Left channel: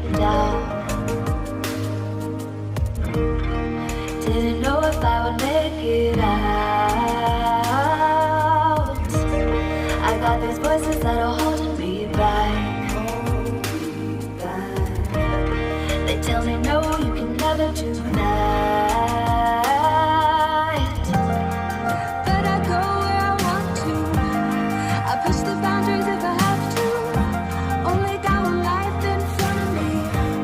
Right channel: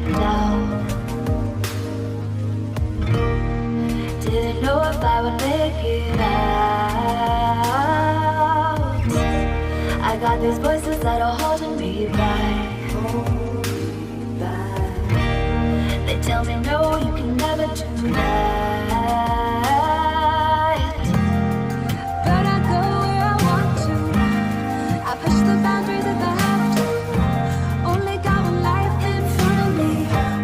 been down. Didn't know if I would make it out. I got these voices that are holding me back. They tell me no, you can never do that. But I go where I want to. I push the boundaries if I have to. Only got one life in front of me.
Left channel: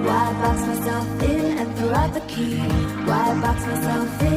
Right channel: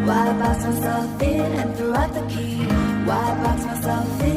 Why box myself in and throw out the key? Why box myself in?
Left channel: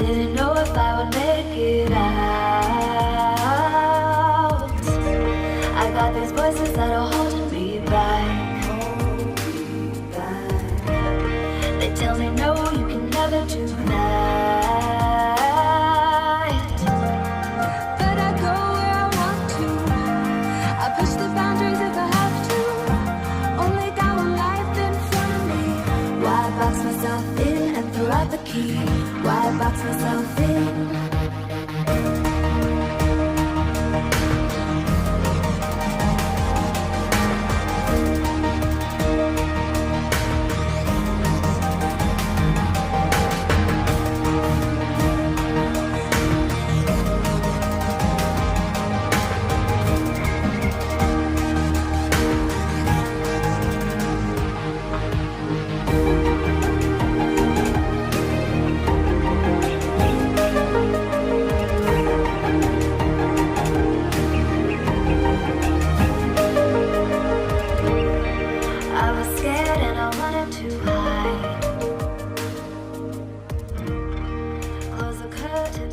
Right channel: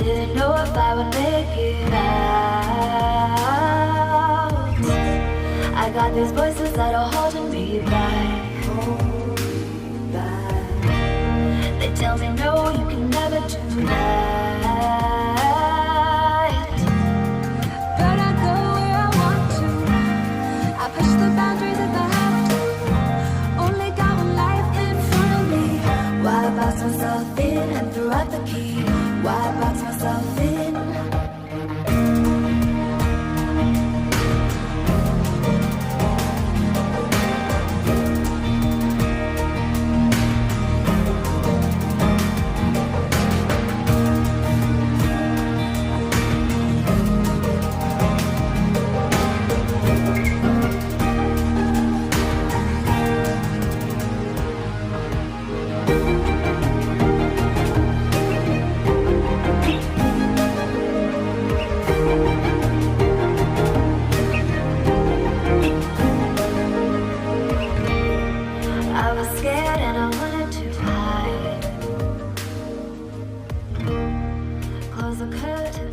Didn't know if I would make it out. I got these voices that are holding me back. They tell me no, you can never do that. But I go where I want to. I push the boundaries if I have to. Only got one life in front of me. Why box myself in and throw out the key? Why box myself in? I was scared and I wanted to hide. Close the curtain.